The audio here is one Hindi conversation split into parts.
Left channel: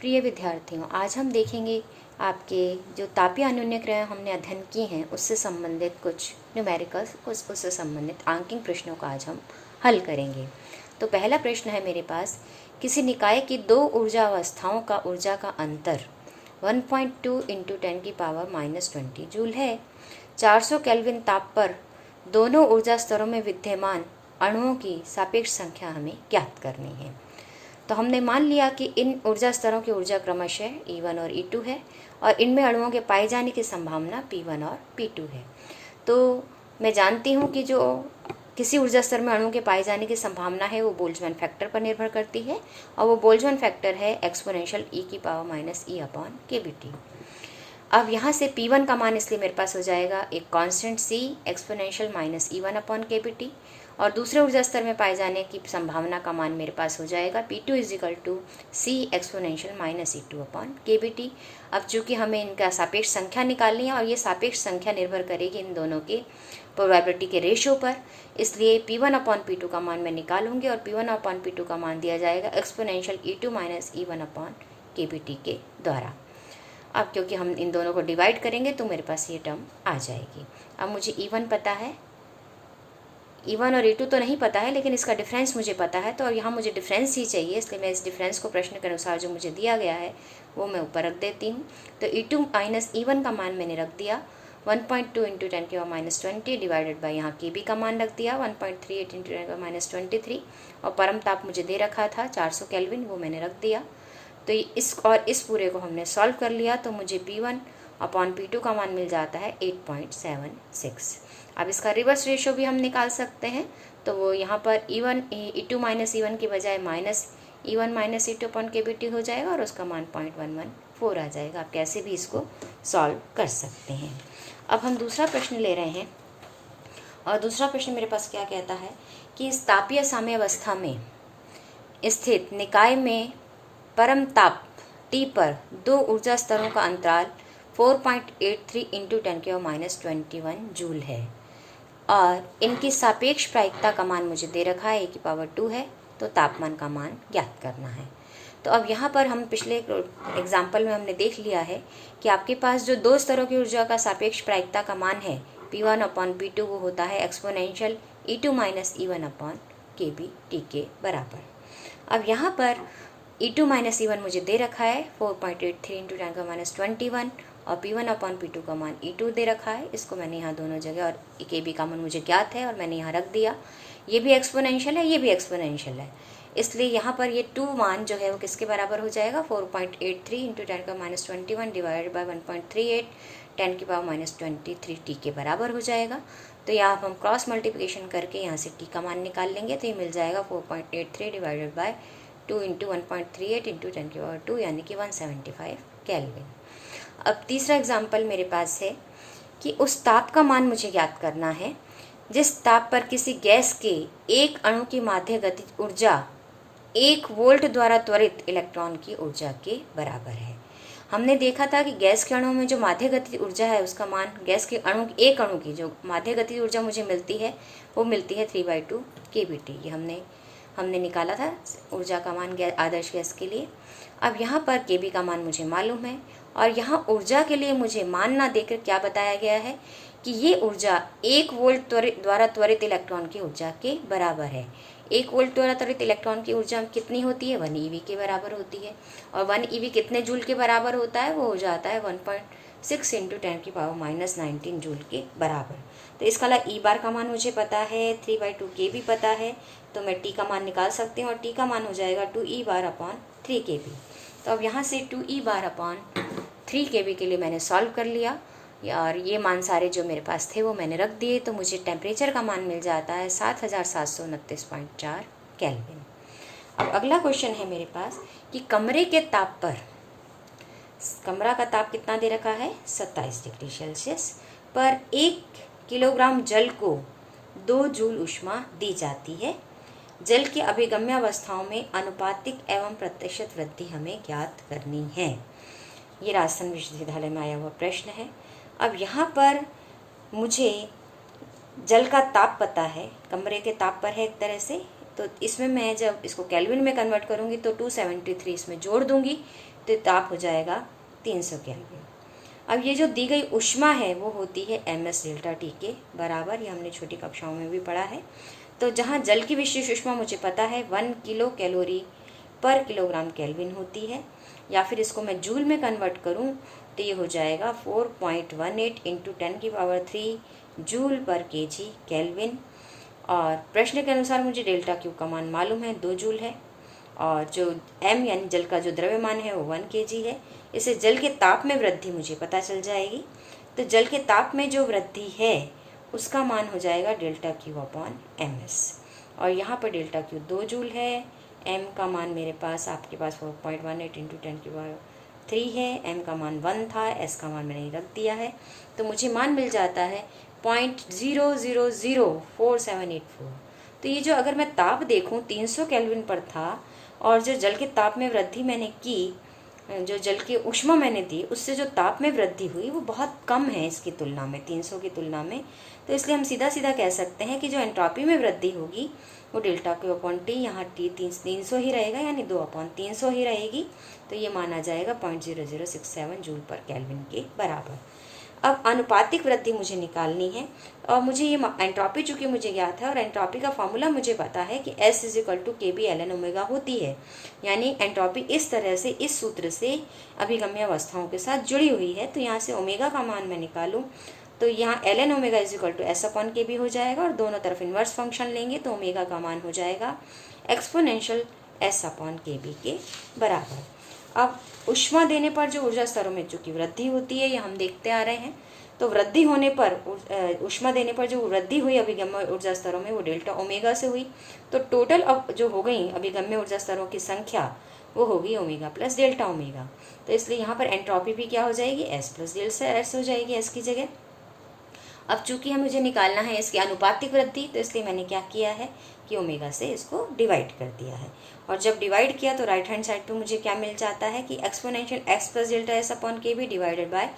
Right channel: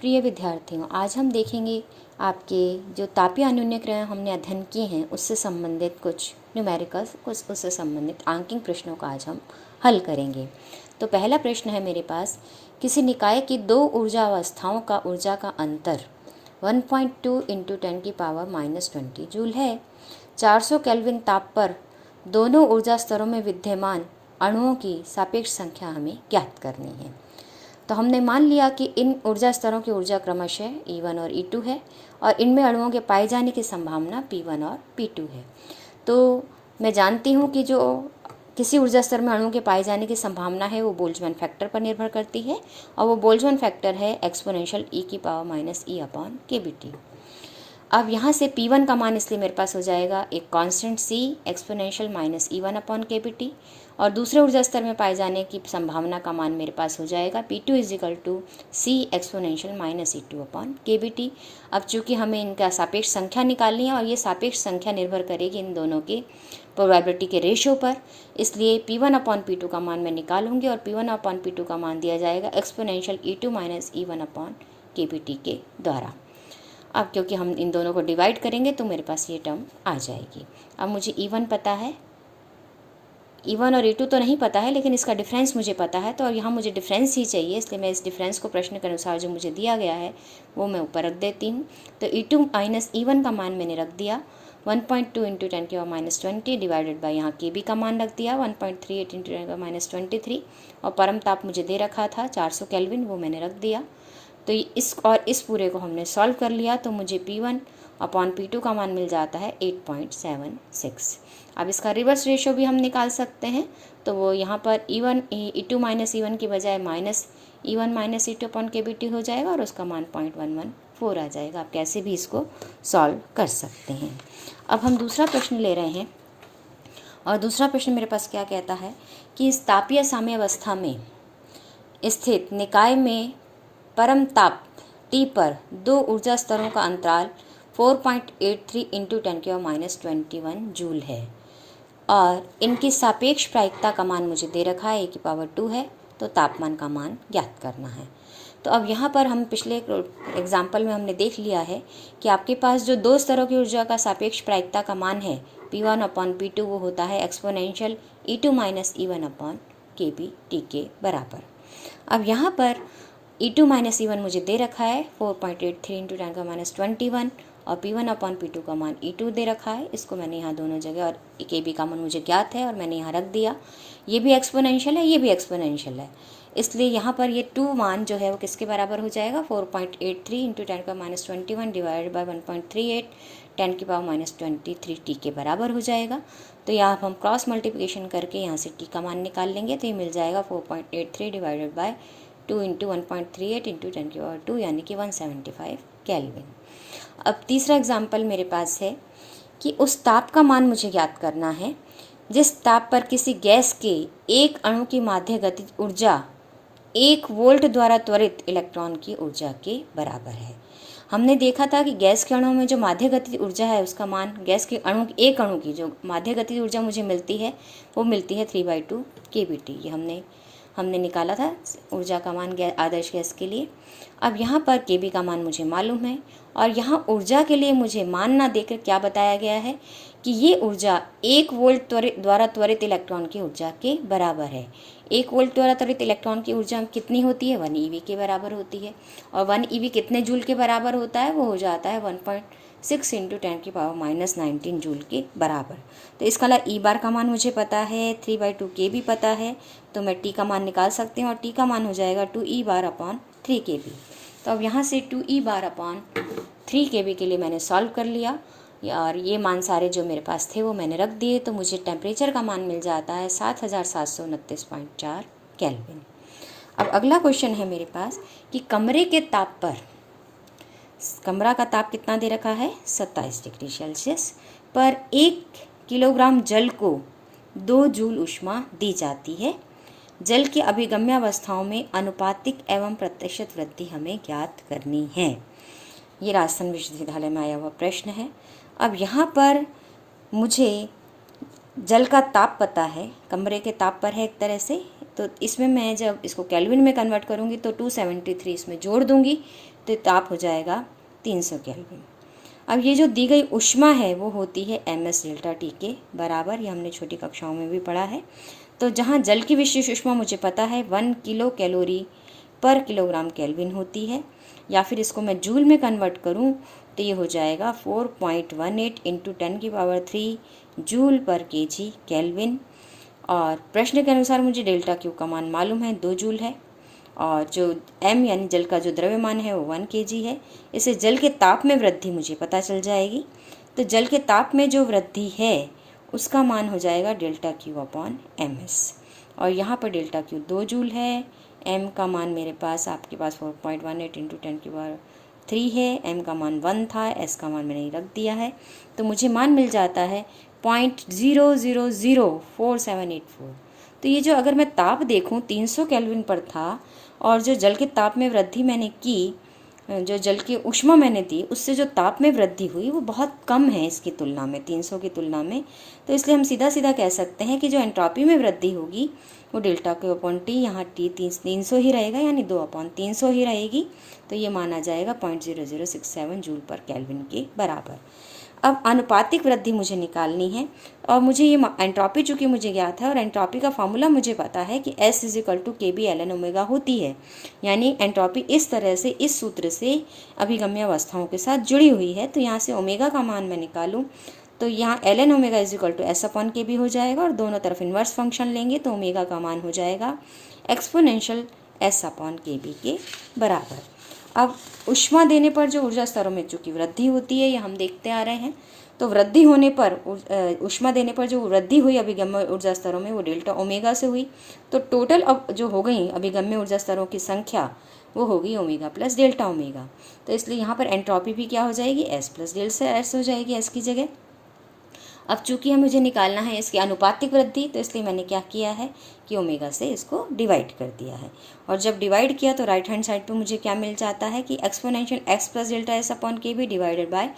प्रिय विद्यार्थियों, आज हम देखेंगे आपके जो तापीय अनुन्यक्रियाएं हमने अध्ययन की हैं उससे संबंधित कुछ न्यूमेरिकल्स, उससे संबंधित आंकिक प्रश्नों का आज हम हल करेंगे। तो पहला प्रश्न है मेरे पास, किसी निकाय की दो ऊर्जा अवस्थाओं का ऊर्जा का अंतर 1.2 इंटू 10⁻⁻20 जूल है। 400 केल्विन ताप पर दोनों ऊर्जा स्तरों में विद्यमान अणुओं की सापेक्ष संख्या हमें ज्ञात करनी है। तो हमने मान लिया कि इन ऊर्जा स्तरों की ऊर्जा क्रमशः E1 और E2 है और इनमें अणुओं के पाए जाने की संभावना P1 और P2 है। तो मैं जानती हूँ कि जो किसी ऊर्जा स्तर में अणुओं के पाए जाने की संभावना है वो बोल्ट्जमैन फैक्टर पर निर्भर करती है और वो बोल्ट्जमैन फैक्टर है एक्सपोनेंशियल e⁻⁻e/kBT। अब यहाँ से P1 का मान इसलिए मेरे पास हो जाएगा एक कांस्टेंट C एक्सपोनेंशियल -E1/kBT और दूसरे ऊर्जा स्तर में पाए जाने की संभावना का मान मेरे पास हो जाएगा P2 = C एक्सपोनेंशियल -E2/kBT। अब चूंकि हमें इनका सापेक्ष संख्या निकालनी है और ये सापेक्ष संख्या निर्भर करेगी इन दोनों के प्रोबेबिलिटी के रेशो पर, इसलिए P1/P2 का मान मैं निकालूंगी और P1/P2 का मान दिया जाएगा एक्सपोनेंशियल E2 - E1/kBT के द्वारा। अब क्योंकि हम इन दोनों को डिवाइड करेंगे तो मेरे पास ये टर्म आ जाएगी। अब मुझे E1 पता है, E1 और E2 तो नहीं पता है, लेकिन इसका डिफरेंस मुझे पता है, तो यहाँ मुझे डिफरेंस ही चाहिए, इसलिए मैं इस डिफरेंस को प्रश्न के अनुसार जो मुझे दिया गया है वो मैं ऊपर रख देती हूँ। तो E2 - E1 का मान मैंने रख दिया 1.2 इंटू 10⁻20 डिवाइडेड बाई यहाँ KB का मान रख दिया 1.38 इंटू 10⁻23 और परम ताप मुझे दे रखा था 400 केल्विन, वो मैंने रख दिया। तो इस पूरे को हमने सॉल्व कर लिया तो मुझे P1/P2 का मान मिल जाता है 8.76। अब इसका रिवर्स रेशो भी हम निकाल सकते हैं, तो वो यहाँ पर E2 - E1 की बजाय -E1 - E2/kBT हो जाएगा और उसका मान 0.114 आ जाएगा। आप कैसे भी इसको सॉल्व कर सकते हैं। अब हम दूसरा प्रश्न ले रहे हैं और दूसरा प्रश्न मेरे पास क्या कहता है कि इस तापीय साम्यावस्था में स्थित निकाय में परम ताप T पर दो ऊर्जा स्तरों का अंतराल 4.83 इंटू 10⁻21 जूल है और इनकी सापेक्ष प्रायिकता का मान मुझे दे रखा है e⁻2 है, तो तापमान का मान ज्ञात करना है। तो अब यहाँ पर हम पिछले एग्जाम्पल में हमने देख लिया है कि आपके पास जो दो स्तरों की ऊर्जा का सापेक्ष प्रायिकता का मान है P1/P2 वो होता है एक्सपोनेंशियल E2 - E1/kBT के बराबर। अब यहाँ पर E2 - E1 मुझे दे रखा है 4.83 इंटू 10⁻21 और P1/P2 का मान E2 दे रखा है, इसको मैंने यहाँ दोनों जगह, और KB का मान मुझे ज्ञात है और मैंने यहाँ रख दिया। ये भी एक्सपोनेंशियल है, ये भी एक्सपोनेंशियल है, इसलिए यहाँ पर ये 2 मान जो है वो किसके बराबर हो जाएगा 4.83 इंटू 10⁻21 डिवाइडेड बाई 1.38 10⁻23T के बराबर हो जाएगा। तो यहाँ हम क्रॉस मल्टीप्लिकेशन करके यहाँ से T का मान निकाल लेंगे, तो ये मिल जाएगा 4.83 डिवाइडेड बाई 2 इंटू 1.38 इंटू 10⁻2 यानी कि 175 केल्विन। अब तीसरा एग्जाम्पल मेरे पास है कि उस ताप का मान मुझे ज्ञात करना है जिस ताप पर किसी गैस के एक अणु की माध्य गतिज ऊर्जा 1 वोल्ट द्वारा त्वरित इलेक्ट्रॉन की ऊर्जा के बराबर है। हमने देखा था कि गैस के अणु में जो माध्य गतिज ऊर्जा है उसका मान, गैस के एक अणु की जो माध्य गतिज ऊर्जा मुझे मिलती है वो मिलती है 3/2 kBT। ये हमने निकाला था ऊर्जा का मान आदर्श गैस के लिए। अब यहाँ पर KB का मान मुझे मालूम है और यहाँ ऊर्जा के लिए मुझे मान ना देकर क्या बताया गया है कि ये ऊर्जा 1 वोल्ट द्वारा त्वरित इलेक्ट्रॉन की ऊर्जा के बराबर है। 1 वोल्ट द्वारा त्वरित इलेक्ट्रॉन की ऊर्जा कितनी होती है 1 eV के बराबर होती है और 1 eV कितने जूल के बराबर होता है, वो हो जाता है 1.6 इंटू 10⁻19 जूल के बराबर। तो इसका E बार का मान मुझे पता है, 3/2 KB पता है, तो मैं T का मान निकाल सकती हूँ और T का मान हो जाएगा 2E बार/3 KB। तो अब यहाँ से 2E बार/3 KB के लिए मैंने सॉल्व कर लिया और ये मान सारे जो मेरे पास थे वो मैंने रख दिए, तो मुझे टेम्परेचर का मान मिल जाता है 7729.4 केल्विन। अब अगला क्वेश्चन है मेरे पास कि कमरे के ताप पर, कमरा का ताप कितना दे रखा है 27 डिग्री सेल्सियस पर 1 किलोग्राम जल को 2 जूल ऊष्मा दी जाती है। जल की अभिगम्य अवस्थाओं में अनुपातिक एवं प्रतिशत वृद्धि हमें ज्ञात करनी है। ये राजस्थान विश्वविद्यालय में आया हुआ प्रश्न है। अब यहाँ पर मुझे जल का ताप पता है, कमरे के ताप पर है एक तरह से, तो इसमें मैं जब इसको केल्विन में कन्वर्ट करूँगी तो 273 इसमें जोड़ दूंगी तो ताप हो जाएगा 300 केल्विन। अब ये जो दी गई ऊष्मा है वो होती है ms डेल्टा टी के बराबर, ये हमने छोटी कक्षाओं में भी पढ़ा है। तो जहाँ जल की विशिष्ट ऊष्मा मुझे पता है 1 किलो कैलोरी पर किलोग्राम केल्विन होती है, या फिर इसको मैं जूल में कन्वर्ट करूँ तो ये हो जाएगा 4.18 इंटू 10⁻³ जूल पर केजी केल्विन। और प्रश्न के अनुसार मुझे डेल्टा क्यू का मान मालूम है 2 जूल है, और जो m यानी जल का जो द्रव्यमान है वो 1 kg है। इससे जल के ताप में वृद्धि मुझे पता चल जाएगी। तो जल के ताप में जो वृद्धि है उसका मान हो जाएगा डेल्टा क्यू अपॉन ms, और यहाँ पर डेल्टा क्यू 2 जूल है, m का मान मेरे पास आपके पास 4.18 इंटू 10⁻³ है, m का मान 1 था, s का मान मैंने रख दिया है। तो मुझे मान मिल जाता है 0.0004784। तो ये जो अगर मैं ताप देखूं 300 केल्विन पर था, और जो जल के ताप में वृद्धि मैंने की, जो जल की ऊष्मा मैंने दी, उससे जो ताप में वृद्धि हुई वो बहुत कम है इसकी तुलना में, 300 की तुलना में। तो इसलिए हम सीधा सीधा कह सकते हैं कि जो एंट्रोपी में वृद्धि होगी वो डेल्टा क्यू अपॉन टी, यहाँ टी 300 ही रहेगा, यानी 2/300 ही रहेगी। तो ये माना जाएगा 0.0067 जूल पर केल्विन के बराबर। अब अनुपातिक वृद्धि मुझे निकालनी है, और मुझे ये एंट्रोपी चूंकि मुझे ज्ञात है और एंट्रोपी का फॉर्मूला मुझे पता है कि S = KB ln ओमेगा होती है, यानी एंट्रोपी इस तरह से, इस सूत्र से अभिगम्य अवस्थाओं के साथ जुड़ी हुई है। तो यहाँ से ओमेगा का मान मैं निकालूं तो यहाँ ln ओमेगा = S/KB हो जाएगा, और दोनों तरफ इन्वर्स फंक्शन लेंगे तो ओमेगा का मान हो जाएगा एक्सपोनेंशियल S/KB के बराबर। अब ऊष्मा देने पर जो ऊर्जा स्तरों में चूंकि वृद्धि होती है, ये हम देखते आ रहे हैं, तो वृद्धि होने पर ऊष्मा देने पर जो वृद्धि हुई अभिगम्य ऊर्जा स्तरों में वो डेल्टा ओमेगा से हुई। तो टोटल अब जो हो गई अभिगम्य ऊर्जा स्तरों की संख्या वो होगी ओमेगा प्लस डेल्टा ओमेगा। तो इसलिए यहाँ पर एंट्रोपी भी क्या हो जाएगी, S प्लस डेल्टा S हो जाएगी S की जगह। अब चूंकि हमें मुझे निकालना है इसकी अनुपातिक वृद्धि, तो इसलिए मैंने क्या किया है कि ओमेगा से इसको डिवाइड कर दिया है, और जब डिवाइड किया तो राइट हैंड साइड पे मुझे क्या मिल जाता है कि exponential x plus delta S/KB divided by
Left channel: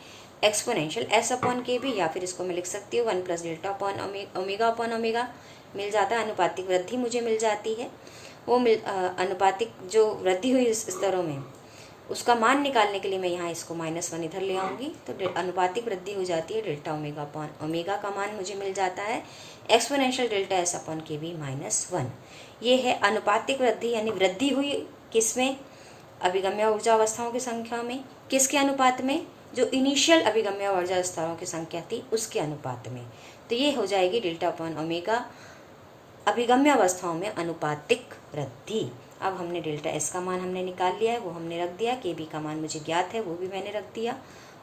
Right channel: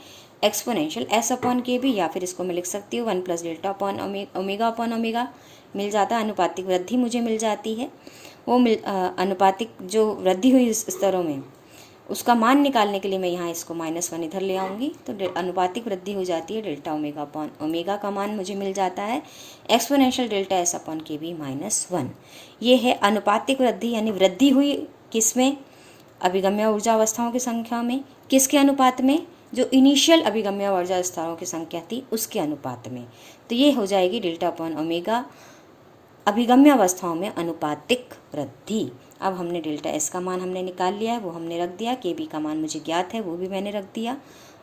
exponential S/KB, या फिर इसको मैं लिख सकती हूँ 1 plus delta upon omega upon omega मिल जाता है। अनुपातिक वृद्धि मुझे मिल जाती है, वो अनुपातिक जो वृद्धि हुई स्तरों में उसका मान निकालने के लिए मैं यहाँ इसको -1 इधर ले आऊँगी, तो अनुपातिक वृद्धि हो जाती है डेल्टा ओमेगा अपॉन ओमेगा का मान मुझे मिल जाता है एक्सपोनेंशियल डेल्टा S/KB -1। ये है अनुपातिक वृद्धि, यानी वृद्धि हुई किसमें, अभिगम्य ऊर्जा अवस्थाओं की संख्या में, किसके अनुपात में, जो इनिशियल अभिगम्य ऊर्जा स्तरों की संख्या थी उसके अनुपात में। तो ये हो जाएगी डेल्टा अपॉन ओमेगा अभिगम्य अवस्थाओं में अनुपातिक वृद्धि। अब हमने डेल्टा S का मान हमने निकाल लिया है, वो हमने रख दिया, KB का मान मुझे ज्ञात है वो भी मैंने रख दिया,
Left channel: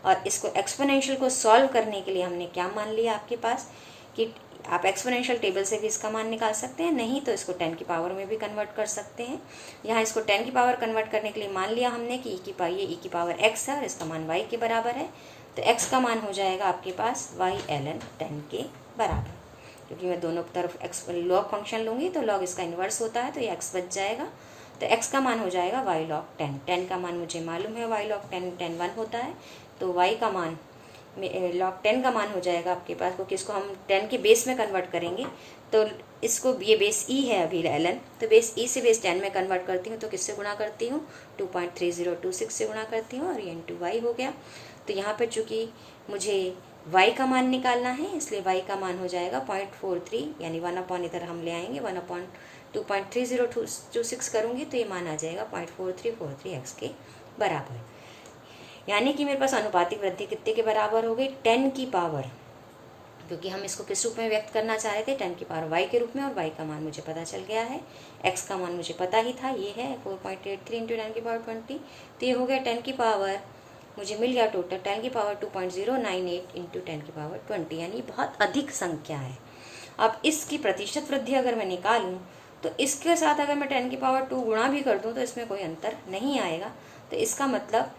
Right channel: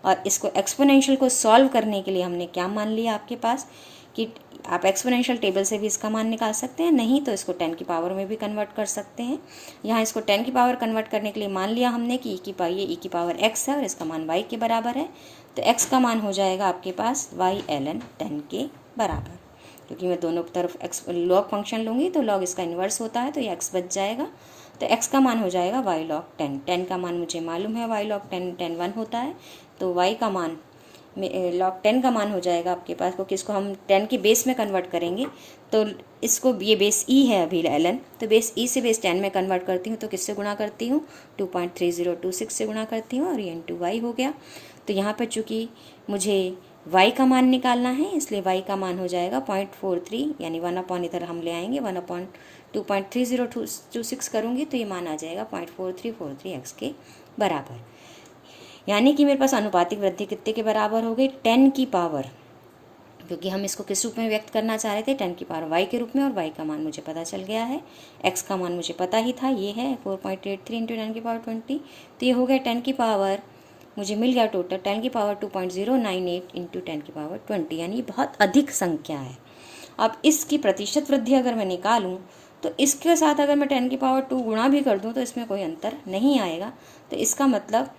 और इसको एक्सपोनेंशियल को सॉल्व करने के लिए हमने क्या मान लिया आपके पास कि आप एक्सपोनेंशियल टेबल से भी इसका मान निकाल सकते हैं, नहीं तो इसको 10 की पावर में भी कन्वर्ट कर सकते हैं। यहाँ इसको 10 की पावर कन्वर्ट करने के लिए मान लिया हमने कि e की पावर x है और इसका मान y के बराबर है, तो x का मान हो जाएगा आपके पास y ln 10 के बराबर। क्योंकि मैं दोनों तरफ लॉग फंक्शन लूँगी तो लॉग इसका इन्वर्स होता है, तो ये x बच जाएगा, तो x का मान हो जाएगा y log 10। 10 का मान मुझे मालूम है, y log 10 1 होता है, तो y का मान log 10 का मान हो जाएगा आपके पास, क्योंकि इसको हम 10 के बेस में कन्वर्ट करेंगे, तो इसको ये बेस e है अभी ln, तो बेस e से बेस 10 में कन्वर्ट करती हूँ तो किससे गुणा करती हूँ, 2.3026 से गुणा करती हूँ, और ये इंटू y हो गया। तो यहाँ पर चूँकि मुझे y का मान निकालना है, इसलिए y का मान हो जाएगा 0.43, यानी 1 इधर हम ले आएंगे, 1/2.3026 करूँगी तो ये मान आ जाएगा 0.4343x के बराबर। यानी कि मेरे पास अनुपातिक वृद्धि कितने के बराबर हो गई, 10 की पावर, क्योंकि हम इसको किस रूप में व्यक्त करना चाह रहे थे, 10 की पावर y के रूप में, और y का मान मुझे पता चल गया है, x का मान मुझे पता ही था, ये है 4.83 इंटू 10 की पावर 20, तो ये हो गया 10 की पावर, मुझे मिल गया टोटल 10 की पावर 2.098 इंटू 10 की पावर 20, यानी बहुत अधिक संख्या है। अब इसकी प्रतिशत वृद्धि अगर मैं निकालूं तो इसके साथ अगर मैं 10 की पावर 2 गुणा भी कर दूं तो इसमें कोई अंतर नहीं आएगा। तो इसका मतलब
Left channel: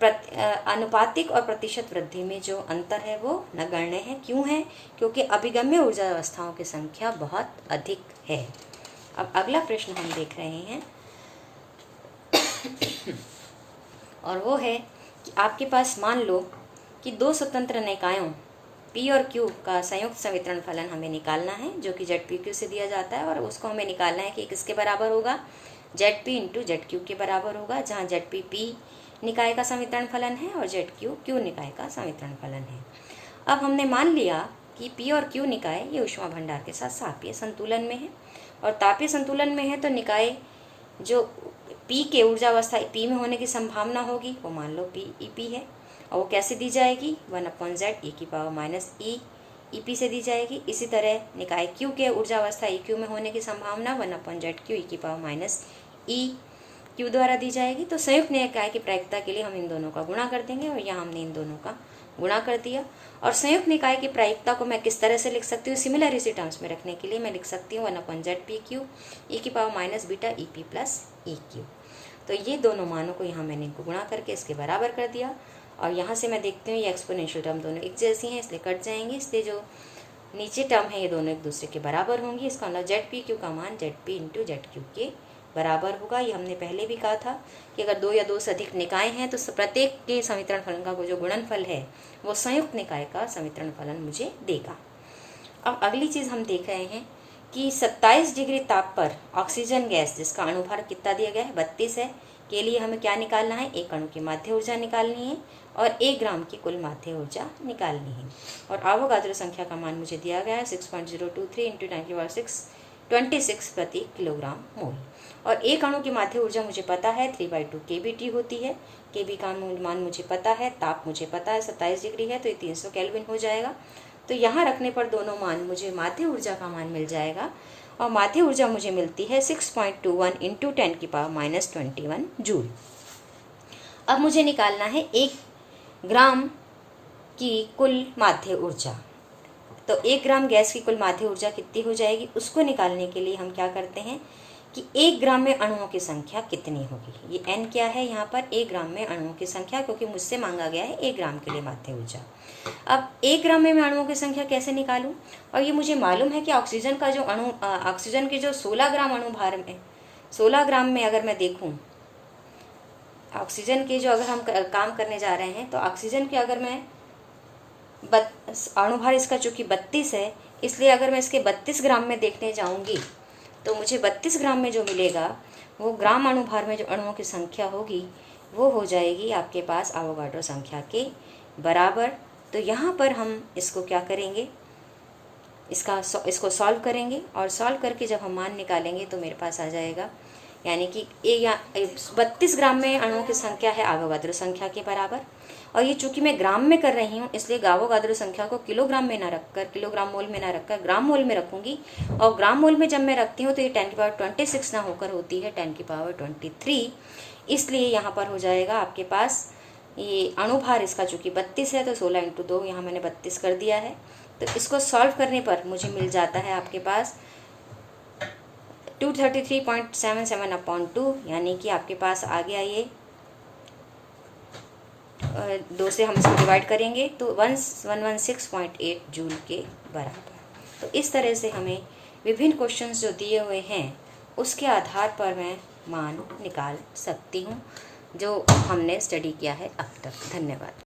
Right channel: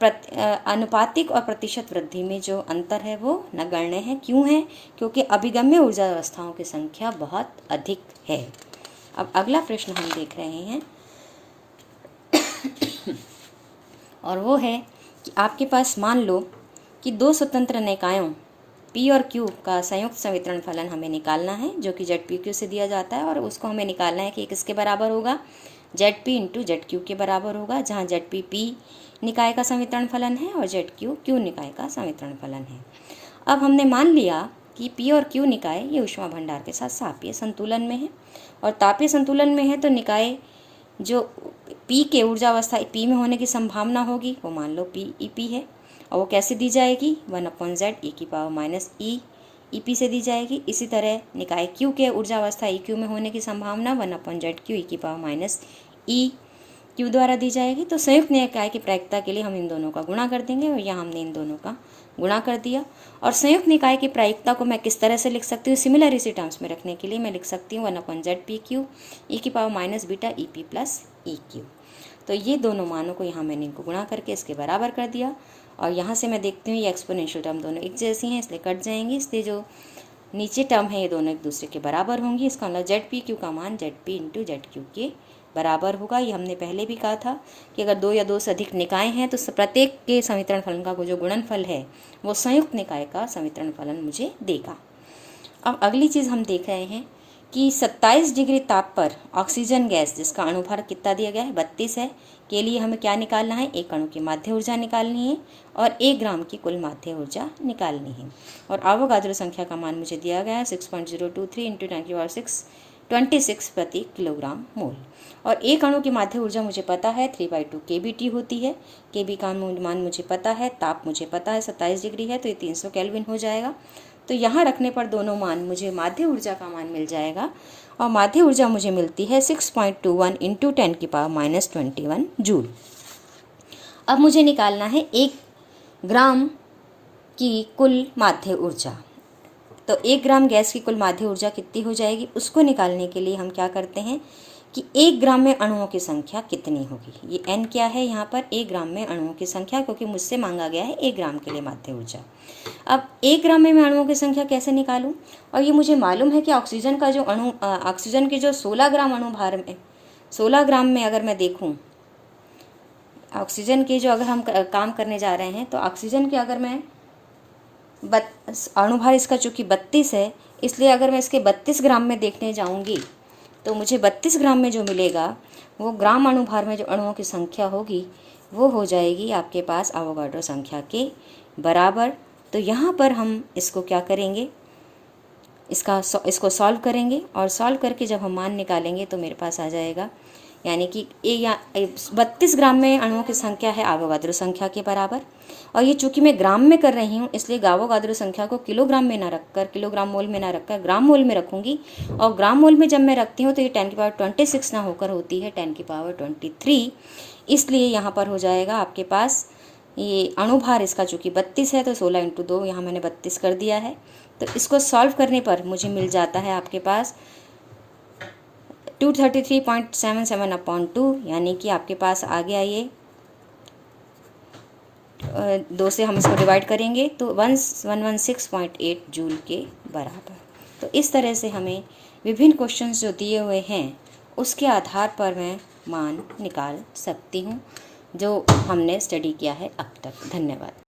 अनुपातिक और प्रतिशत वृद्धि में जो अंतर है वो नगण्य है। क्यों है? क्योंकि अभिगम्य ऊर्जा अवस्थाओं की संख्या बहुत अधिक है। अब अगला प्रश्न हम देख रहे हैं और वो है कि आपके पास मान लो कि दो स्वतंत्र निकायों P और Q का संयुक्त संवितरण फलन हमें निकालना है, जो कि ZPQ से दिया जाता है, और उसको हमें निकालना है कि किसके बराबर होगा, ZP इंटू ZQ के बराबर होगा, जहाँ ZP P निकाय का समीकरण फलन है और ZQ Q निकाय का समीकरण फलन है। अब हमने मान लिया कि P और Q निकाय ये ऊष्मा भंडार के साथ तापीय संतुलन में है, और तापीय संतुलन में है तो निकाय जो P के ऊर्जा अवस्था P में होने की संभावना होगी वो मान लो PEP है, और वो कैसे दी जाएगी 1/z e⁻e EP से दी जाएगी। इसी तरह निकाय Q के ऊर्जा अवस्था EQ में होने की संभावना 1/zq e⁻e द्वारा दी जाएगी। तो संयुक्त निकाय की प्रायिकता के लिए हम इन दोनों का गुणा कर देंगे, और यहाँ हमने इन दोनों का गुणा कर दिया। और संयुक्त निकाय की प्रायिकता को मैं किस तरह से लिख सकती हूँ, सिमिलरिटी टर्म्स में रखने के लिए मैं लिख सकती हूँ 1/zpq e⁻β EP plus EQ। तो ये दोनों मानों को यहाँ मैंने इनको गुणा करके इसके बराबर कर दिया, और यहाँ से मैं देखती हूँ ये एक्सपोनेंशियल टर्म दोनों एक जैसी हैं इसलिए कट जाएंगी, इसलिए जो नीचे टर्म है ये दोनों एक दूसरे के बराबर होंगी। इसका मतलब ZPQ का मान ZP इंटू ZQ के बराबर होगा। ये हमने पहले भी कहा था कि अगर 2 या 2 से अधिक निकाय हैं तो प्रत्येक के समीकरण फलन का जो गुणनफल है वो संयुक्त निकाय का समीकरण फलन मुझे देगा। अब अगली चीज़ हम देख रहे हैं कि 27 डिग्री ताप पर ऑक्सीजन गैस जिसका अणुभार कितना दिया गया है 32 है, के लिए हमें क्या निकालना है, एक अणु की माध्य ऊर्जा निकालनी है और 1 ग्राम की कुल माध्य ऊर्जा निकालनी है। और आवोगाद्रो संख्या का मान मुझे दिया गया है 6.023 इंटू 10⁻626 प्रति किलोग्राम मोल। और एक अणु की माध्य ऊर्जा मुझे पता है 3/2 kBT होती है। kB का मान मुझे पता है, ताप मुझे पता है 27 डिग्री है तो ये 300 केल्विन हो जाएगा। तो यहाँ रखने पर दोनों मान मुझे माध्य ऊर्जा का मान मिल जाएगा, और माध्य ऊर्जा मुझे मिलती है 6.21 इंटू 10⁻21 जूल। अब मुझे निकालना है 1 ग्राम की कुल माध्य ऊर्जा। तो 1 ग्राम गैस की कुल माध्य ऊर्जा कितनी हो जाएगी उसको निकालने के लिए हम क्या करते हैं कि 1 ग्राम में अणुओं की संख्या कितनी होगी। ये n क्या है यहाँ पर 1 ग्राम में अणुओं की संख्या, क्योंकि मुझसे मांगा गया है 1 ग्राम के लिए माध्य ऊर्जा। अब 1 ग्राम में मैं अणुओं की संख्या कैसे निकालूं, और ये मुझे मालूम है कि ऑक्सीजन का जो ऑक्सीजन के जो 16 ग्राम अणु भार में 16 ग्राम में अगर मैं देखूं ऑक्सीजन के जो अगर हम काम करने जा रहे हैं तो ऑक्सीजन के अगर मैं अणुभार इसका चूंकि 32 है, इसलिए अगर मैं इसके 32 ग्राम में देखने जाऊंगी तो मुझे 32 ग्राम में जो मिलेगा वो ग्राम अणुभार में जो अणुओं की संख्या होगी वो हो जाएगी आपके पास आवोगाड्रो संख्या के बराबर। तो यहाँ पर हम इसको क्या करेंगे, इसको सॉल्व करेंगे, और सॉल्व करके जब हम मान निकालेंगे तो मेरे पास आ जाएगा, यानी कि 32 ग्राम में अणुओं की संख्या है आवोगाद्रो संख्या के बराबर। और ये चूंकि मैं ग्राम में कर रही हूँ इसलिए आवोगाद्रो संख्या को किलोग्राम में ना रखकर, किलोग्राम मोल में ना रखकर ग्राम मोल में रखूंगी। और ग्राम मोल में जब मैं रखती हूँ तो ये 10⁻26 ना होकर होती है 10⁻23, इसलिए यहाँ पर हो जाएगा आपके पास ये अणुभार इसका चूंकि 32 है तो 16 इंटू 2 यहाँ मैंने 32 कर दिया है। तो इसको सॉल्व करने पर मुझे मिल जाता है आपके पास 233.77/2, यानी कि आपके पास आ गया ये 2 से हम इसको डिवाइड करेंगे तो 116.8 जूल के बराबर। तो इस तरह से हमें विभिन्न क्वेश्चंस जो दिए हुए हैं उसके आधार पर मैं मान निकाल सकती हूँ जो हमने स्टडी किया है अब तक। धन्यवाद।